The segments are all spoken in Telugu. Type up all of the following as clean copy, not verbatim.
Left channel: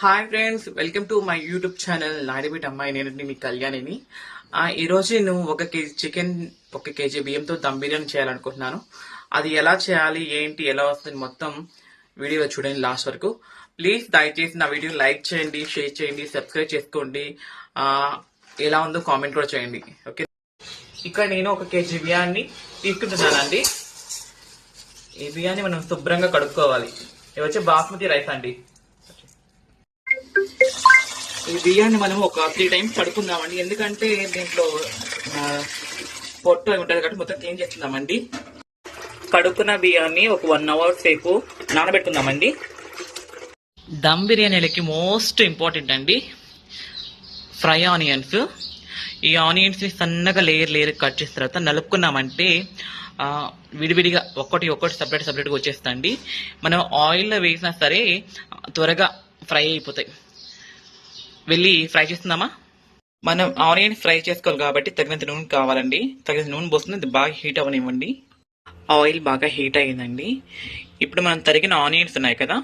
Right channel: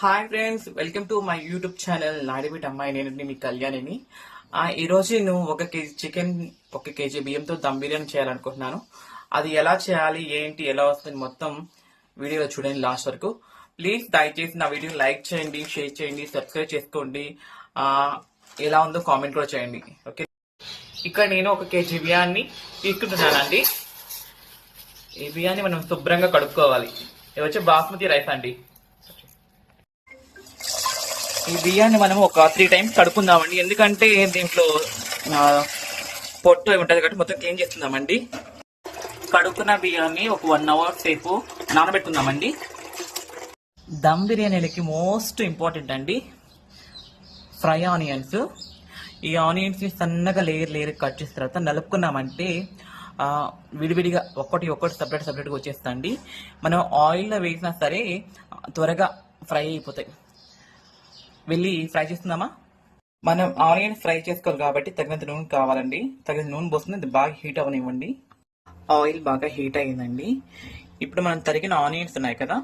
Hi friends, welcome to my YouTube channel నాడిబిట్ అమ్మాయి. నేను మీ కళ్యాణిని. ఈరోజు నేను 1 కేజీ చికెన్, 1 కేజీ బియ్యంతో దమ్ బిర్యానీ చేయాలనుకుంటున్నాను. అది ఎలా చేయాలి, ఏంటి, ఎలా వస్తుంది మొత్తం వీడియోలో చూడండి లాస్ట్ వరకు. ప్లీజ్ దయచేసి నా వీడియోని లైక్ చేయండి, షేర్ చేయండి, సబ్స్క్రైబ్ చేసుకోండి. ఎలా ఉందో కామెంట్ కూడా చేయండి. ఓకే, ఇక్కడ నేను 1 కేజీ బియ్యాన్ని తీసుకుంటున్నానండి. ఈ బియ్యాన్ని మనం శుభ్రంగా కడుక్కోవాలి. ఇది వచ్చి బాస్మతి రైస్ అండి. ఈ బియ్యాన్ని మనం ఒక 3 times కడుక్కుందామండి. ఎందుకంటే దీంట్లో పొట్టు ఉంటుంది కాబట్టి మొత్తం క్లీన్ చేస్తున్నామండి. కడుక్కున్న బియ్యాన్ని ఒక 1 hour సేపు నానబెట్టుకుందామండి. దమ్ బిర్యానీలకి మోస్ట్ ఇంపార్టెంట్ అండి ఫ్రై ఆనియన్స్. ఈ ఆనియన్స్ని సన్నగా లేయర్ కట్ చేసిన తర్వాత నలుపుకున్నామంటే విడివిడిగా ఒక్కటి సపరేట్గా వచ్చేస్తాయండి. మనం ఆయిల్లో వేసినా సరే త్వరగా ఫ్రై అయిపోతాయి. వెళ్ళి ఫ్రై చేస్తుందామా? మనం ఆనియన్ ఫ్రై చేసుకోవాలి కాబట్టి తగినంత నూనె కావాలండి. తగినంత నూనె పోస్తుంది, అది బాగా హీట్ అవ్వనివ్వండి. ఆయిల్ బాగా హీట్ అయ్యిందండి. ఇప్పుడు మనం తరిగిన ఆనియన్స్ ఉన్నాయి కదా,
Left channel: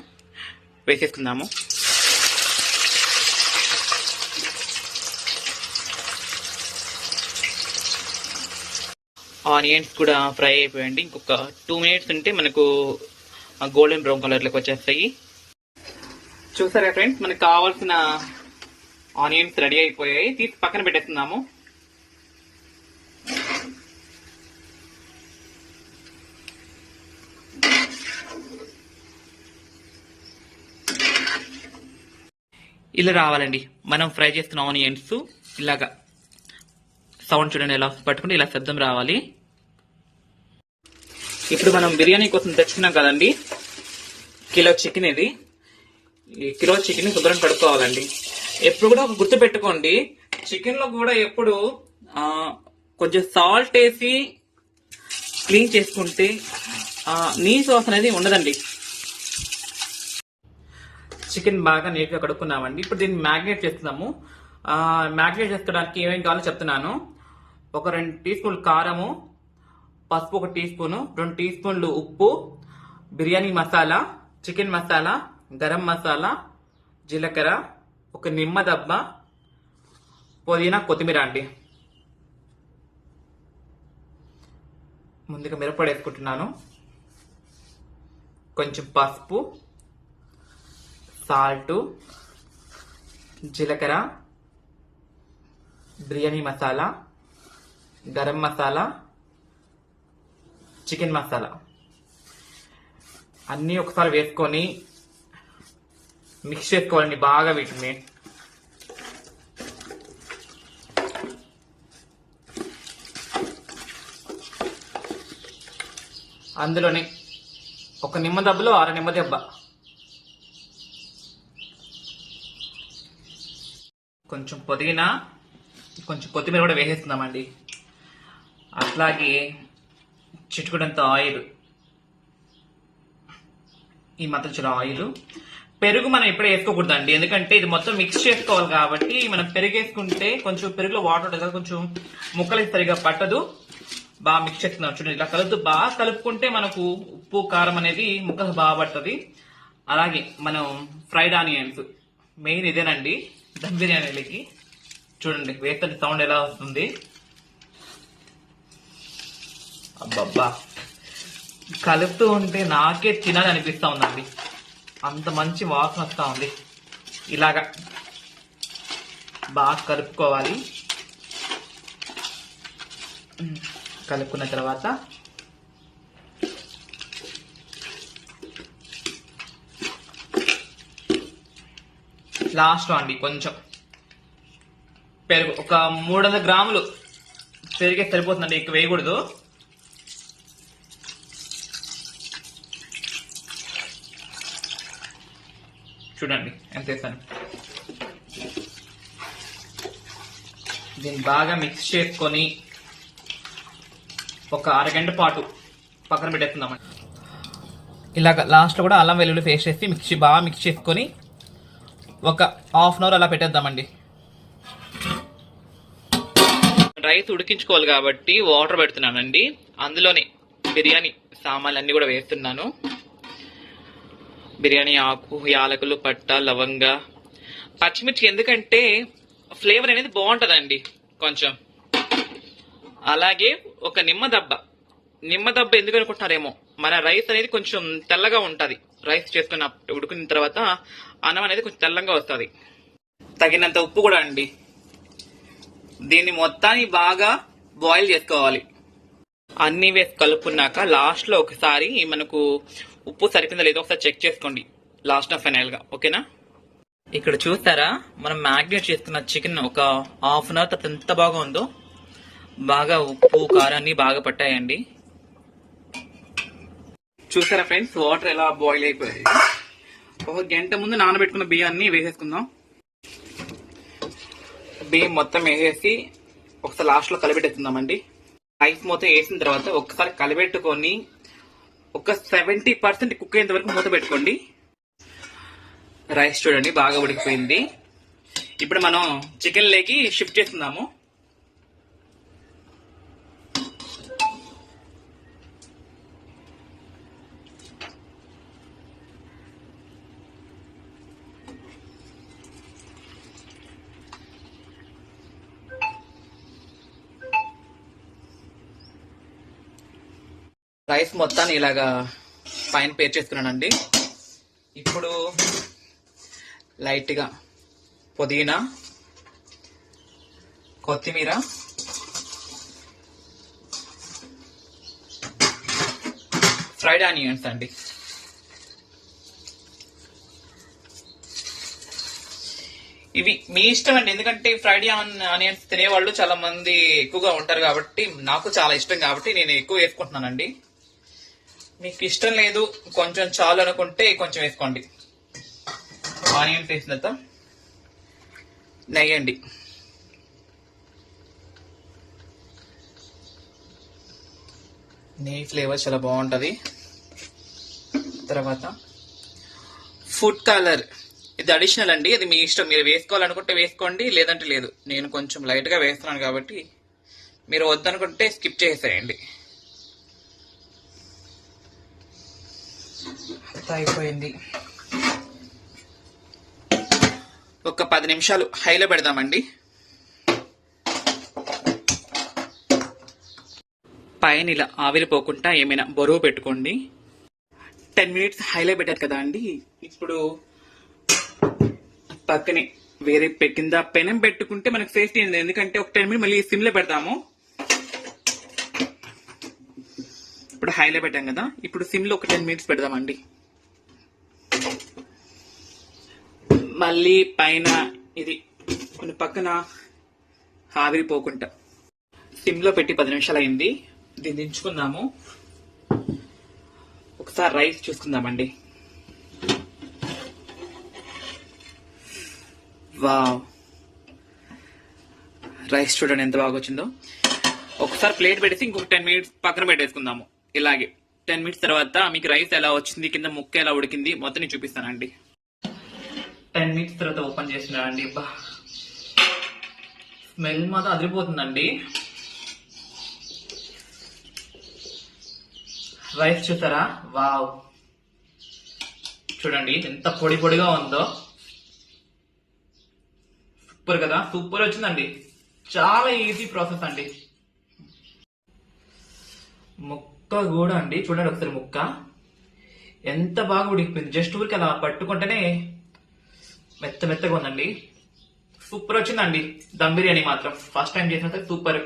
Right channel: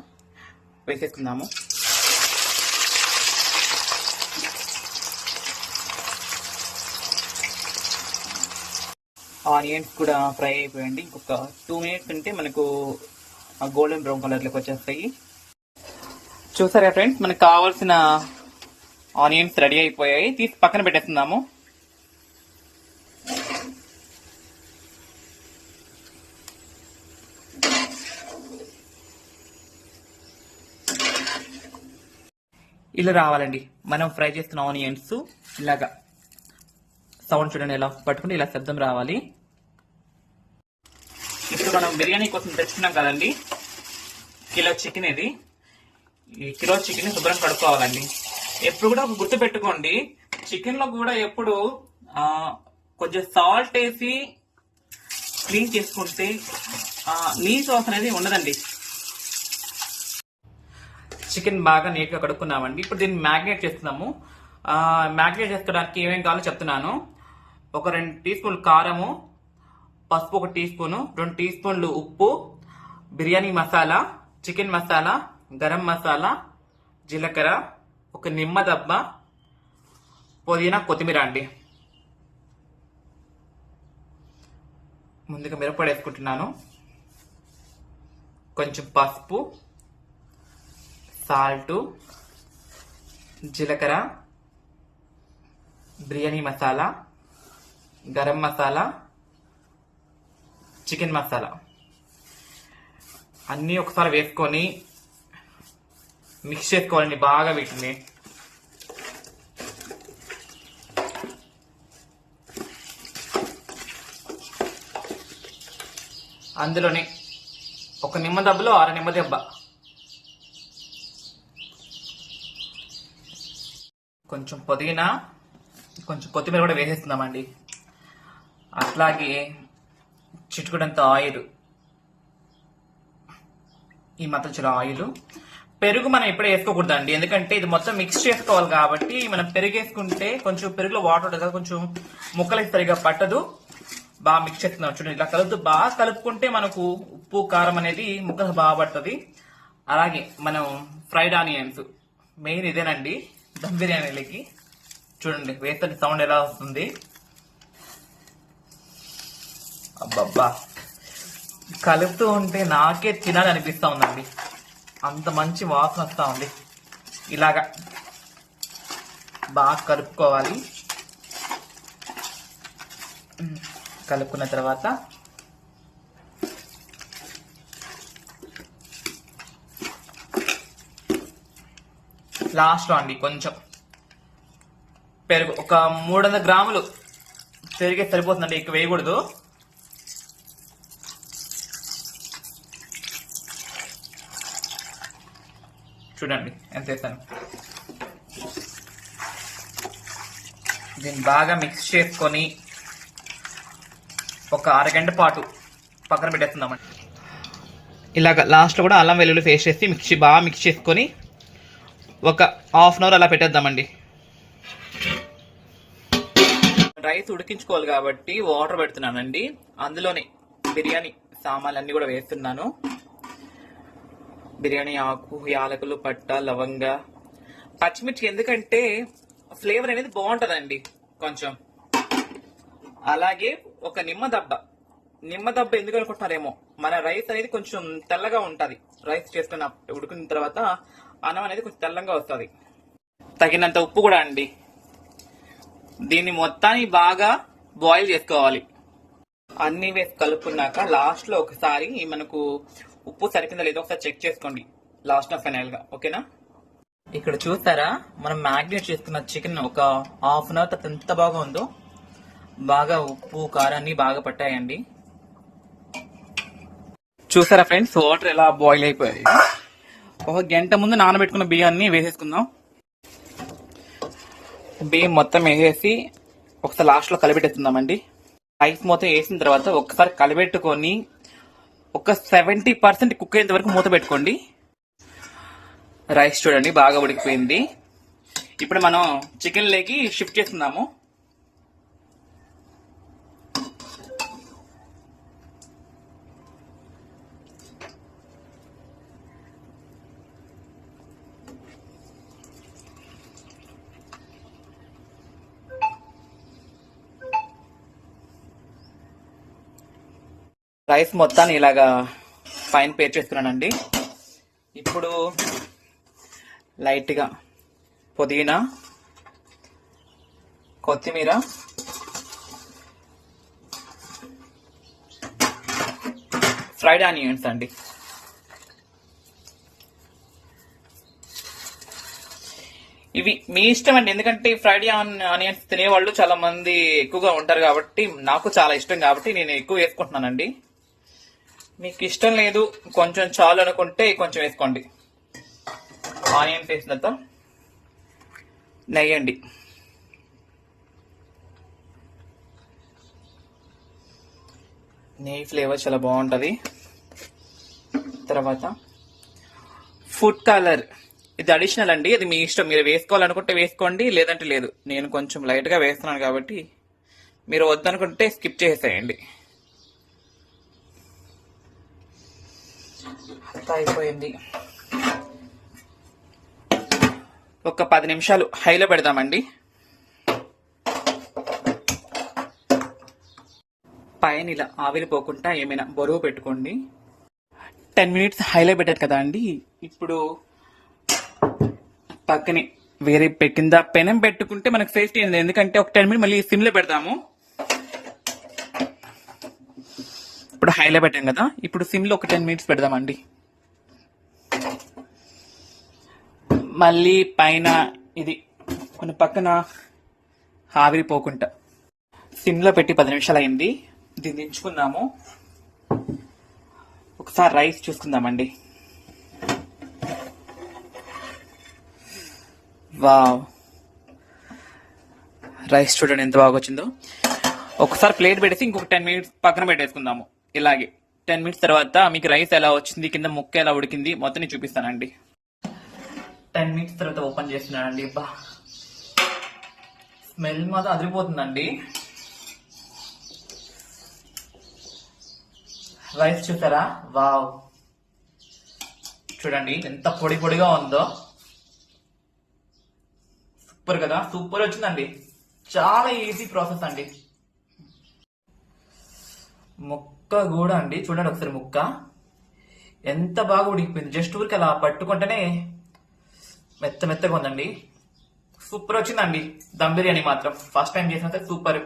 వేసేసుకుందాము. ఆనియన్స్ కూడా ఫ్రై అయిపోయండి. ఇంకొక 2 minutes ఉంటే మనకు గోల్డెన్ బ్రౌన్ కలర్లోకి వచ్చేస్తాయి. చూసారా ఫ్రెండ్స్, మనకు కావాల్సిన ఆనియన్స్ రెడీ అయిపోయాయి. తీసి పక్కన పెట్టేస్తున్నాము. ఇలా రావాలండి మనం ఫ్రై చేస్తున్న ఆనియన్స్. ఇలాగా సౌండ్ చూడండి, ఎలా పట్టుకుంటే ఇలా శబ్దం రావాలి. ఇప్పుడు మనం బిర్యానీ కోసం తెచ్చుకున్నాం కదండి, కిలో చికెన్. ఇది ఈ కిలో చికెన్ శుభ్రం కడుక్కోవాలండి. ఎప్పుడు కూడా ఒక గుర్తు పెట్టుకోండి, చికెన్ లో కూడా ఎప్పుడు కొంచెం సాల్ట్ వేసి క్లీన్ చేసుకుంటే నీసు వాసన అనేది ఉండదండి. చికెన్ బాగా నీట్గా కడుక్కున్నామండి. ఇప్పుడు దీన్ని మ్యాగ్నేట్ చేస్తున్నాము. మ్యాగ్నేట్ చేసుకోవడానికి ఏమేమి కావాలో చెప్తున్నాను. ఒక 2 teaspoons కారము, పసుపు 1 teaspoon, 2 teaspoons ఉప్పు, బిర్యానీ మసాలా, చికెన్ మసాలా, గరం మసాలా, జీలకర్ర, ఒక నిమ్మ దబ్బ, పుదీనా, కొత్తిమీర అండి. ముందుగా మిరప్పొడి వేసుకుంటున్నాను. కొంచెం పసుపు, సాల్ట్, జీలకర్ర, బిర్యానీ మసాలా, గరం మసాలా, చికెన్ మసాలా అన్నీ ఒకసారి వేసుకొని మిక్స్ చేసుకోవాలండి బాగా వీటిని. అందులోనే ఒక నిమ్మ దెబ్బలో 6 నిమ్మ దెబ్బ, కొంచెం పుదీనా, కొంచెం కొత్తిమీర కూడా వేసేస్తున్నామండి. అట్లాగే చిటుకుడంత ఆయిల్, ఈ మాత్రం ఆయిల్. పెరుగు మనం ఇప్పుడే వేసుకోకూడదండి, ఎందుకంటే ఇది మొత్తం మిక్స్ చేసుకోవాలి కాబట్టి. మనం పెరుగు వేసుకుంటే కొంచెం పెరుగులో వాటర్ ఉంటుంది కదా, కొంచెం ముక్కలకి సరిగా పట్టదు. బాగా మిక్స్ చేస్తున్నాం చూడండి. ఇలా బాగా కలుపుకుంటే మనకు ఉప్పు కారం అనేది ముక్కలు బాగా పడుతుంది. అలాగే మనం ఫ్రైడ్ ఆనియన్స్ మెయిన్ ఇదేనండి దమ్ బిర్యానీలకి. చూడండి వేస్తే సౌండ్ ఎలా వస్తుంది. అబ్బబ్బా, కలుపుతూ ఉంటే నాకే తినాలి అనిపిస్తా ఉందండి, అంత మంచి వాసన వస్తూ ఉంది. ఇలాగా బాగా కలుపుకోవాలి. కలుపుకున్న తర్వాత లాస్ట్లో అండి కొంచెం పెరుగు, ఒక 300 grams పెరిగే సరిపోతుందండి, ఎక్కువ వేయకూడదు. చూడండి ఎంత వేస్తాను. దీన్ని బాగా మిక్స్ చేసుకొని ఒక 1 గంట పాటు పక్కన పెట్టేస్తున్నామండి. ఇలాగ లాస్ట్లో కూడా అల్లం వెల్లుల్లి పేస్ట్ చేసి బాగా మిక్స్ చేసుకొని ఒక 1/2 hour అలా పెట్టేద్దామండి. రైస్ ఉడికించుకోవాలి కాబట్టి వాటర్ పెడుతున్నానండి. అందులోనే బిర్యానీ సామాన్లు అన్నీ కూడా వేస్తున్నాను. బిర్యానీ ఆకు, యాలకులు, పట్ట, లవంగ, పచ్చిమిర్చి ఎందుకంటే ఫ్లేవర్ అనేది బాగుంటుందండి కొంచెం. అలాగే ఒక నిమ్మ దబ్బ ఎందుకు అనుకుంటున్నారేమో, మన రైస్ అనేది కొంచెం తెల్లగా ఉంటుంది. రైస్ చేసుకున్న ఉడికిన తర్వాత అన్నం అనేది కొంచెం తెల్లంగా వస్తుంది. తగినంత ఉప్పు కూడా అండి. దీన్ని మొత్తాన్ని బాగా బాయిల్ చేసుకోవాలి. అన్ని వేసి కలుపుకున్నాక లాస్ట్ లో ఒకసారి మనకు ఉప్పు సరిపోయిందో లేదో ఒకసారి చెక్ చేసుకోండి లాస్ట్ ఫైనల్ గా. ఓకేనా? ఇక్కడ చూస్తారా, మనం మ్యాగ్నేట్ చేసుకున్న చికెన్ ఒక హాఫ్ అన్ అవర్ తర్వాత ఎంత బాగా ఉందో. బాగా ఉప్పు కారాన్ని బాగా పట్టాయండి. చూసారా ఫ్రెండ్స్, వాటర్ ఎలా బాయిల్ అయిపోయాయి. ఒక గంట ముందు నానబెట్టుకున్న బియ్యాన్ని వేసేసుకుందాం. బియ్యం మొత్తం వేసేసి ఒకసారి లాస్ట్ లో కలిపెట్టేస్తుందామండి. రైస్ మొత్తం వేసిన తర్వాత ఒకసారి కలిపెట్టుకొని ఒక 70% కుక్ అయ్యేంత వరకు మూత పెట్టుకోండి. రైస్ చూడండి బాగా ఉడికిపోయింది. ఇప్పుడు మనం చికెన్ లేకి షిఫ్ట్ చేస్తున్నాము. రైస్ మొత్తాన్ని ఇలాగా పైన పేర్ చేసుకున్నానండి. ఇప్పుడు లైట్గా పుదీనా, కొత్తిమీర, ఫ్రైడ్ ఆనియన్స్ అండి. ఇవి మీ ఇష్టం అండి, ఎందుకంటే ఫ్రైడ్ ఆనియన్స్ తినేవాళ్ళు చాలా మంది ఎక్కువగా ఉంటారు కాబట్టి, నాకు చాలా ఇష్టం కాబట్టి నేను ఎక్కువ వేసుకుంటున్నానండి. మీకు ఇష్టం లేదు, కొంచెం చాలు అనుకుంటే కొంచెం వేసుకోండి. ఆనియన్ వేసిన తర్వాత నెయ్యి అండి. నెయ్యి ఫ్లేవర్ చాలా బాగుంటుంది. తర్వాత ఫుడ్ కలర్, ఇది అడిషనల్ అండి, అది మీ ఇష్టం. మీరు వేసుకోవాలనుకుంటే వేసుకోండి, లేదంటే లేదు. నేను కొంచెం లైట్గా వేస్తున్నాను కాబట్టి మీరు వద్దనుకుంటే స్కిప్ చేసేయండి. అయిపోయింది. ఒక 10 నిమిషాలు హైలో పెడదామండి. పైన ఇలా ఆవిరిపోకుండా ఏమైనా బరువు పెట్టుకోండి. 10 మినిట్స్ హైలో పెట్టారు కదా అండి. ఇప్పుడు పక్కనే వేరే కింద పెనం పెట్టుకుంటే మనకు సేఫ్టీ ఉంది, ఎందుకంటే ఒక 10 మినిట్స్ మళ్ళీ సిమ్లో పెడతాము. ఇప్పుడు హైలో పెట్టాం కదా, ఇప్పుడు సిమ్లో ఒక 10 మినిట్స్ పెడదామండి. మళ్ళీ పైన ఇది కొన్ని పక్కన ఆవిరిపోకుండా సిమ్లో పెట్టి 10 నిమిషాలు అయింది. దీన్ని దించుకుందాము. ఒకసారి రైస్ చూసుకుందామండి. వావ్, రైస్ చూడండి ఎంత బాగా వచ్చిందో. ఒకసారి ప్లేట్ పెట్టేసి ఇంకొక 10 మినిట్స్ పక్కన పెట్టేసుకుందాము. ఇలాగే 10 మినిట్స్ తర్వాత మీకు రైస్ ఎలా వచ్చింది, కింద ముక్క ఎలా ఉడికింది మొత్తం నేను చూపిస్తానండి. 10 మినిట్స్ తర్వాత ఓపెన్ చేస్తున్నానండి. బా, స్మెల్ మాత్రం అదిరిపోతుందండి. రైస్ చూసారా, వావ్, చూడండి ఎంత పొడి పొడిగా ఉందో. సూపర్ కదా, సూపర్ వచ్చిందండి. చాలా ఈజీ ప్రాసెస్ అండి. ముక్క కూడా అండి చూడండి ఒకసారి, ముక్క ఎంత బాగా ఉడికిపోయింది. జస్ట్ ఊరికి అలా పట్టుకుంటేనే మెత్తగా ఉందండి. సూపర్ వచ్చిందండి దమ్ బిర్యానీ మాత్రం. ఫస్ట్ టైం చేసినంత సూపర్.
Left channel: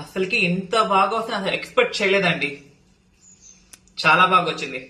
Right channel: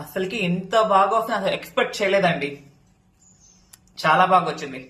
అసలుకి ఎంత బాగా వస్తుంది అసలు ఎక్స్పెక్ట్ చేయలేదండి. చాలా బాగా వచ్చింది.